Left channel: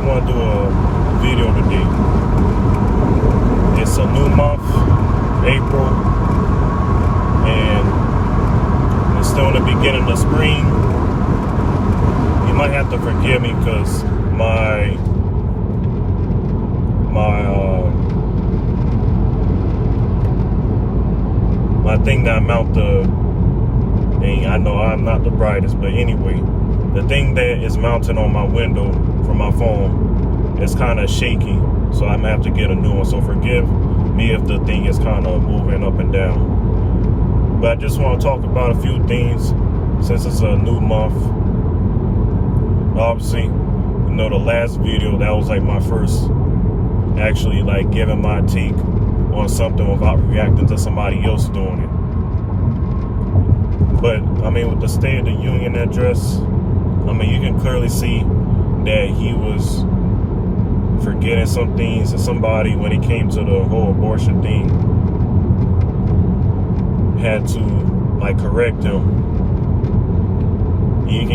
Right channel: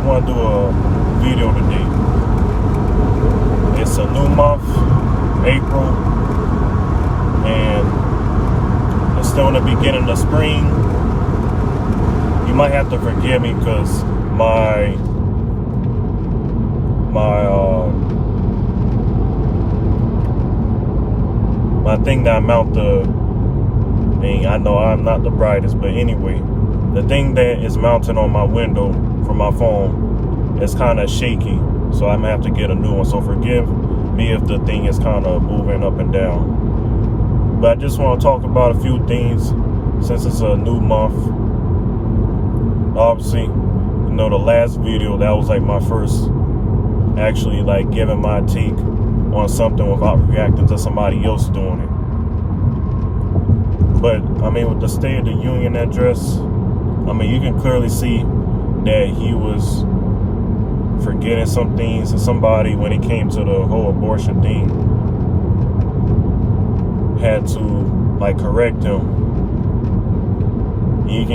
want to do a video today. It's a new month, April, and it's still in the beginning of spring. You might have to forgive me because my thing that I mount I know I'm not the brightest, but anyway, the thing that is mounted on my window for my phone is kind of shaky, so I'm gonna have to get a new one. So forgive me if the thing is kind of moving up and down. But I just want to talk about a few things since it's a new month. Obviously, the last video, that was like my first actually like giving my take on something without reacting to somebody else doing it. But with the State of the Union address, you can clearly see that he was forgetting some things, and somebody, when it came to the whole abortion thing, had to like correct him. You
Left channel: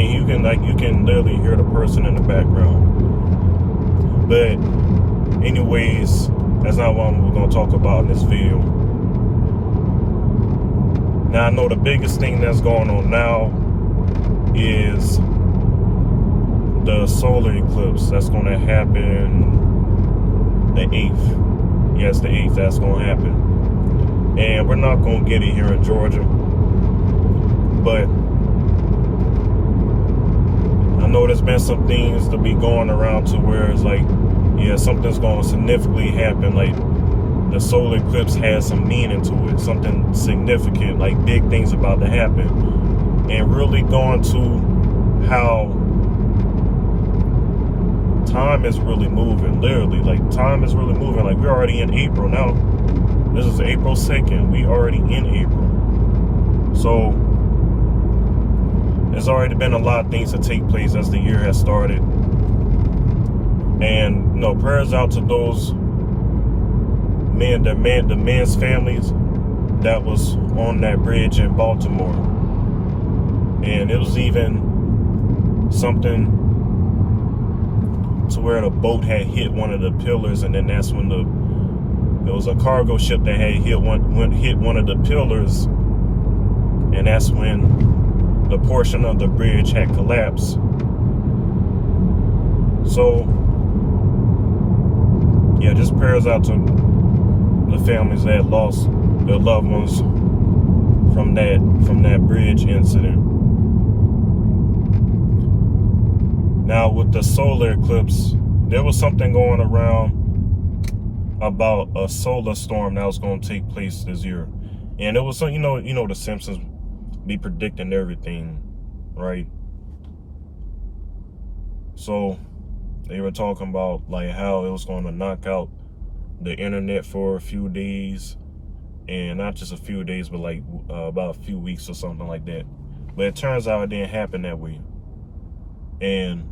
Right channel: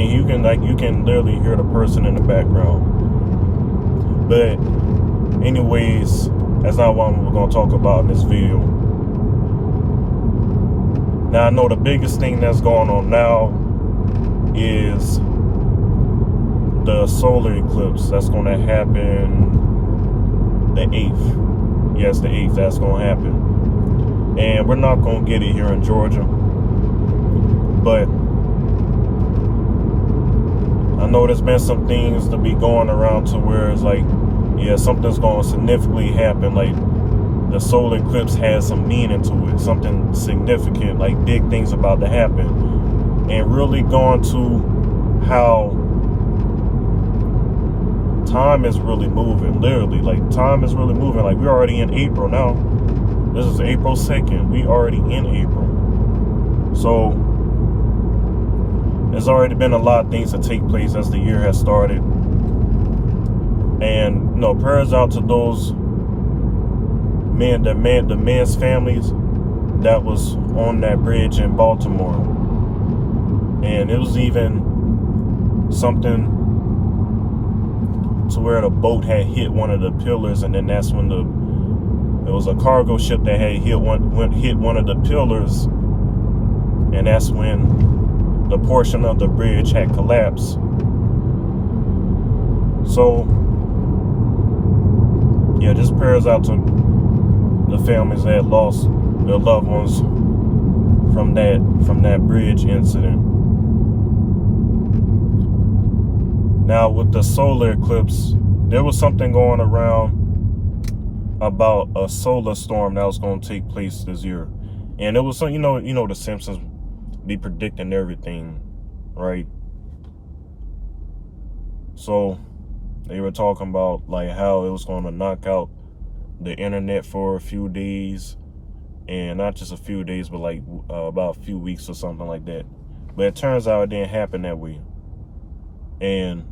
can literally hear the person in the background. But anyways, that's not what we're gonna talk about in this video. Now I know the biggest thing that's going on now is the solar eclipse that's gonna happen the 8th. Yes, the 8th, that's gonna happen. And we're not gonna get it here in Georgia. But I know there's been some things to be going around to where it's like, yeah, something's going to significantly happen. Like the solar eclipse has some meaning to it, something significant, like big things about to happen. And really going to how time is really moving, literally. Like time is really moving. Like we're already in April now. This is April 2nd. We already in April. So there's already been a lot of things to take place as the year has started. And prayers out to those the men's families that was on that bridge in Baltimore. And it was even something to where the boat had hit one of the pillars, and then that's when it was a cargo ship that had hit one of the pillars, and that's when the portion of the bridge had collapsed. So yeah, just prayers out to the families that lost their loved ones from that bridge incident. Now with the solar eclipse, there was something going around about a solar storm that was going to take place this year. And it was some, the Simpsons be predicting everything, right? So they were talking about like how it was going to knock out the internet for a few days, and not just a few days, but like about a few weeks or something like that. But it turns out it didn't happen that way. And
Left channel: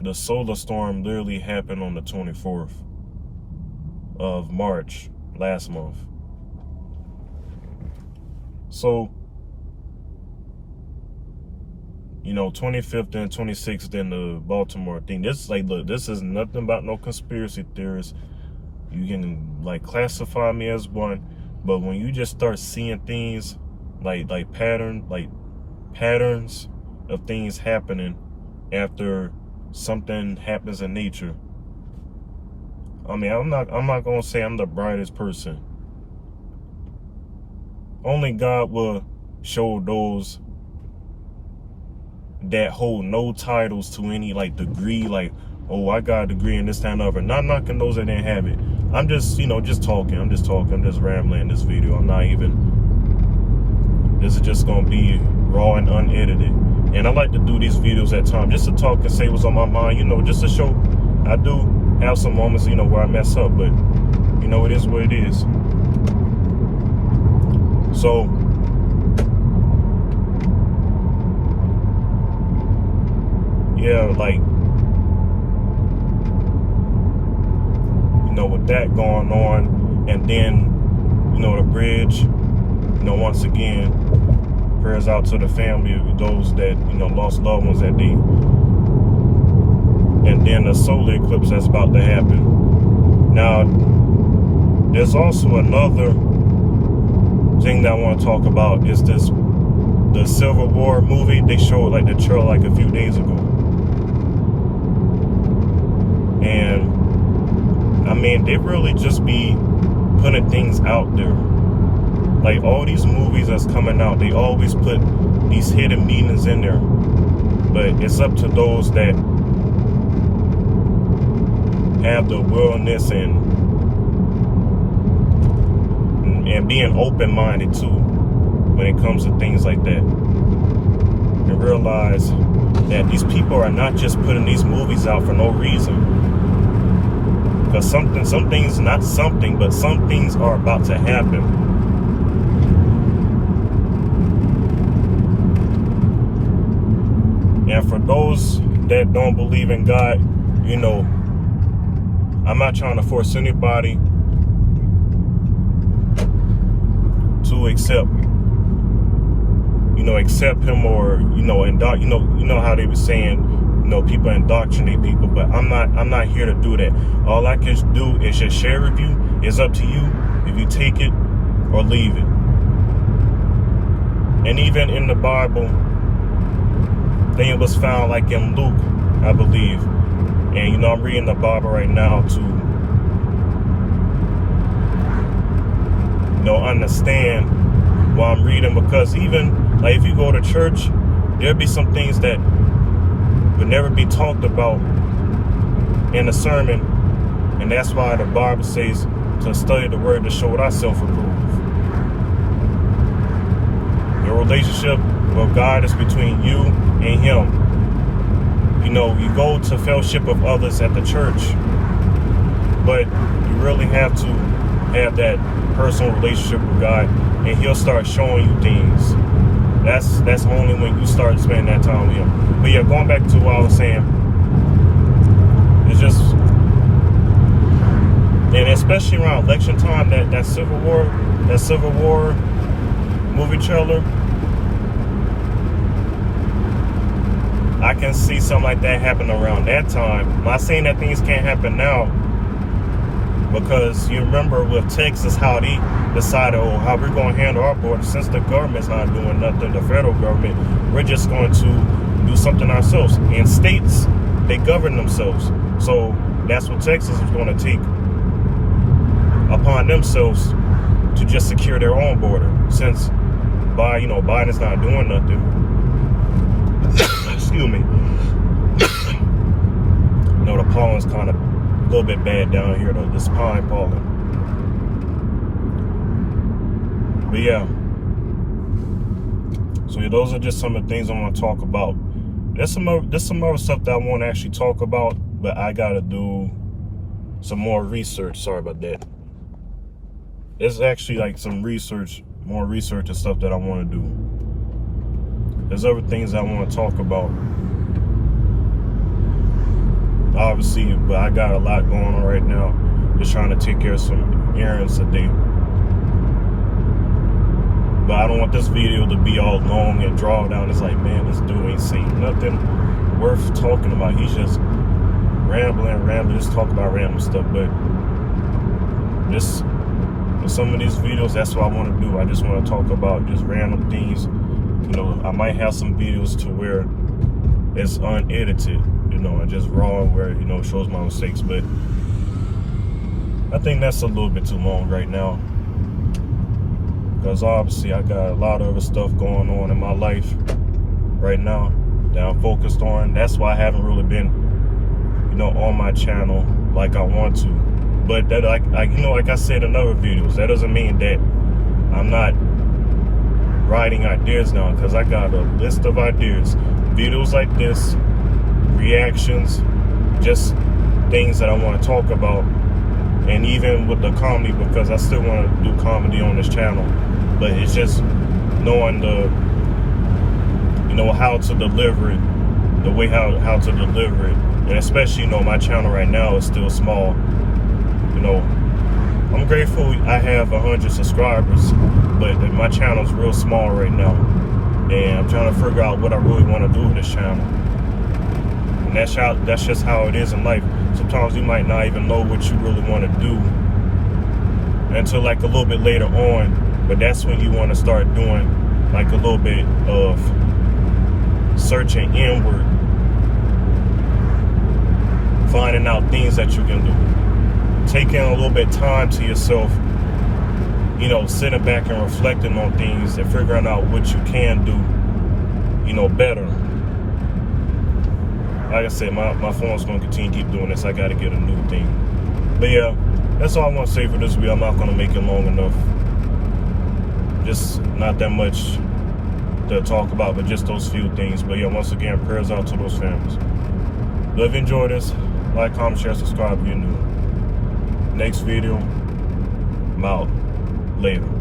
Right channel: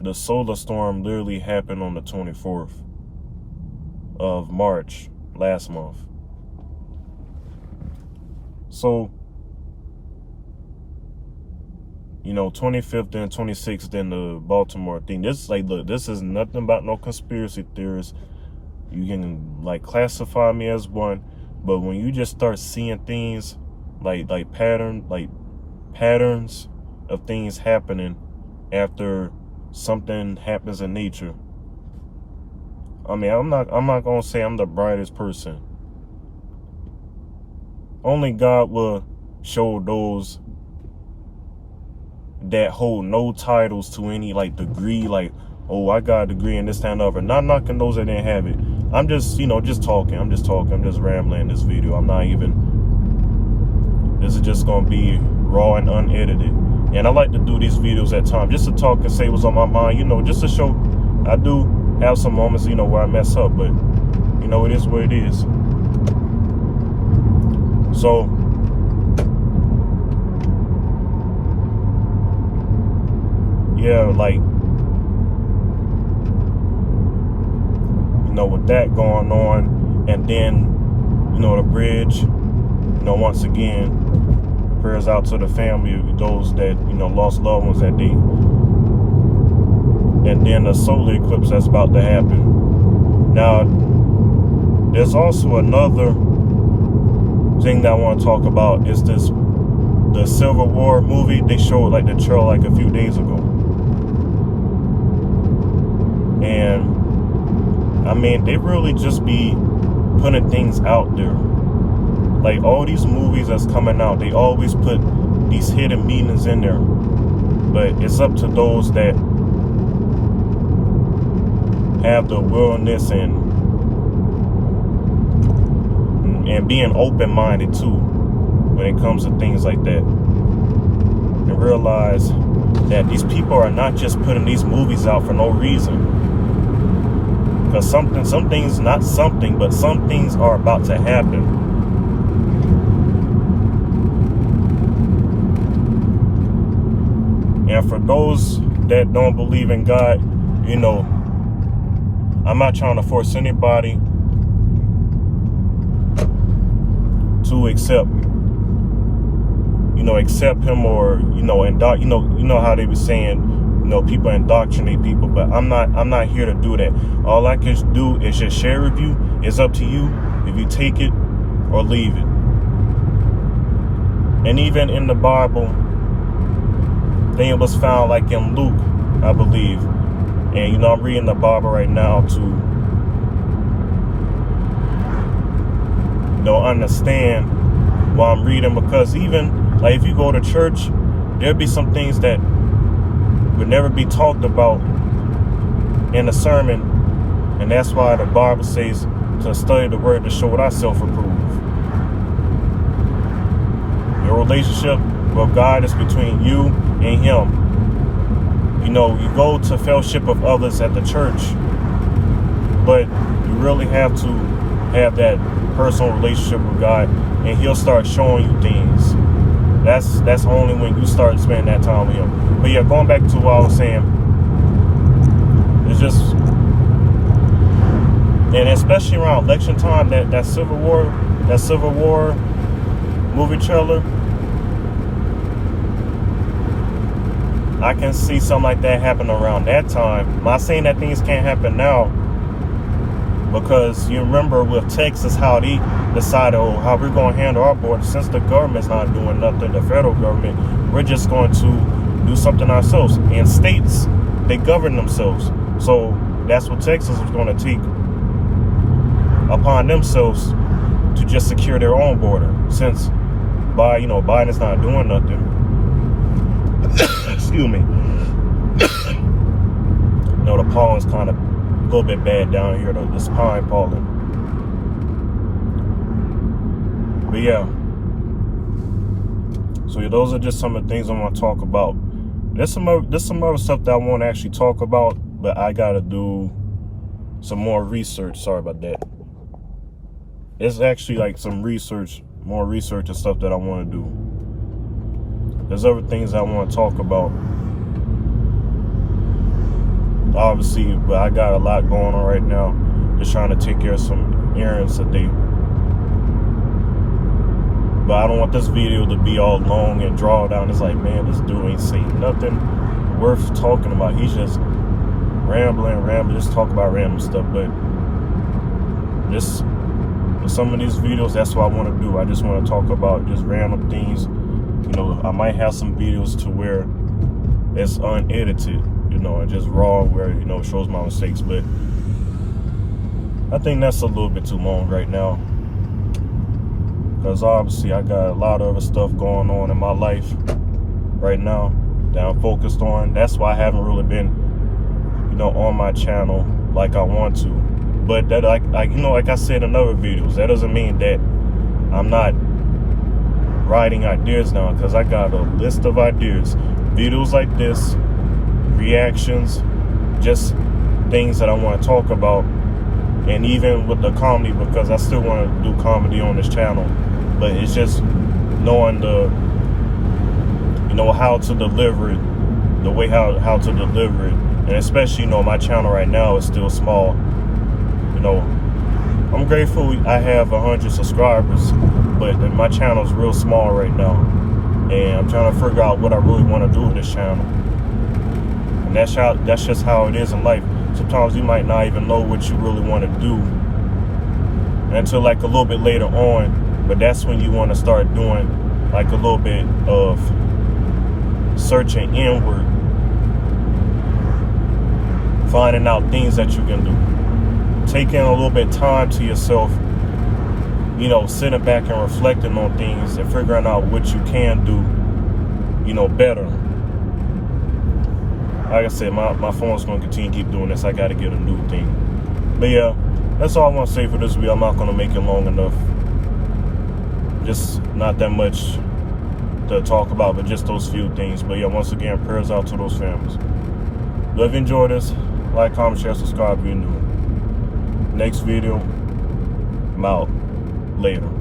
the solar storm literally happened on the 24th of March last month. So 25th and 26th in the Baltimore thing. This look, this is nothing about no conspiracy theorists. You can like classify me as one, but when you just start seeing things like patterns of things happening after something happens in nature. I'm not gonna say I'm the brightest person. Only God will show those that hold no titles to any like degree, like, oh, I got a degree in this, that, and other. Not knocking those that didn't have it. I'm just, just talking. I'm just rambling in this video. I'm not even, this is just gonna be raw and unedited. And I like to do these videos at times just to talk and say what's on my mind, just to show I do have some moments, where I mess up, but it is what it is. So yeah, like, with that going on, and then, the bridge, once again, prayers out to the family of those that, lost loved ones that day. And then and the solar eclipse that's about to happen. Now, there's also another thing that I want to talk about is the Civil War movie. They showed like the trailer like a few days ago. And I mean, they really just be putting things out there. Like all these movies that's coming out, they always put these hidden meanings in there. But it's up to those that have the willingness and being open-minded too when it comes to things like that. And realize that these people are not just putting these movies out for no reason. Because some things, not something, but some things are about to happen. And for those that don't believe in God, you know, I'm not trying to force anybody to accept him, or you know how they were saying, people indoctrinate people, but I'm not here to do that. All I can do is just share with you. It's up to you if you take it or leave it. And even in the Bible, thing was found like in Luke, I believe. And I'm reading the Bible right now to understand what I'm reading, because even like if you go to church, there'll be some things that would never be talked about in a sermon, and that's why the Bible says to study the word to show thyself approved. Your relationship with God is between you and him. You go to fellowship of others at the church, but you really have to have that personal relationship with God, and he'll start showing you things. That's only when you start spending that time with him. But yeah, going back to what I was saying, it's just, and especially around election time, that Civil War movie trailer, I can see something like that happen around that time. I'm not saying that things can't happen now, because you remember with Texas how they decided, how we're going to handle our border. Since the government's not doing nothing, the federal government, we're just going to do something ourselves. And states, they govern themselves. So that's what Texas is going to take upon themselves to just secure their own border. Since Biden's not doing nothing. Excuse me. The pollen's kind of a little bit bad down here, though, this pine pollen. But yeah. So yeah, those are just some of the things I want to talk about. There's some other stuff that I want to actually talk about, but I gotta do some more research. Sorry about that. There's actually like some more research and stuff that I want to do. There's other things I want to talk about, obviously, but I got a lot going on right now. Just trying to take care of some errands today. But I don't want this video to be all long and drawn down. It's like, man, this dude ain't saying nothing worth talking about. He's just rambling, just talk about random stuff. But just in some of these videos, that's what I want to do. I just want to talk about just random things. I might have some videos to where it's unedited, and just raw, where, it shows my mistakes. But I think that's a little bit too long right now, because obviously I got a lot of other stuff going on in my life right now that I'm focused on. That's why I haven't really been, on my channel like I want to. But that, like I said in other videos, that doesn't mean that I'm not writing ideas down, because I got a list of ideas. Videos like this, reactions, just things that I want to talk about. And even with the comedy, because I still want to do comedy on this channel, but it's just knowing how to deliver it, the way how to deliver it. And especially, my channel right now is still small. I'm grateful I have 100 subscribers, but my channel is real small right now, and I'm trying to figure out what I really want to do with this channel. And that's just how it is in life. Sometimes you might not even know what you really want to do until like a little bit later on, but that's when you want to start doing like a little bit of searching inward, finding out things that you can do, taking a little bit of time to yourself, you know, sitting back and reflecting on things and figuring out what you can do, you know, better. Like I said, my phone's going to continue to keep doing this. I got to get a new thing. But yeah, that's all I want to say for this video. I'm not going to make it long enough. Just not that much to talk about, but just those few things. But yeah, once again, prayers out to those families. But if you enjoyed this, like, comment, share, subscribe if you're new. Next video, I'm out. Later.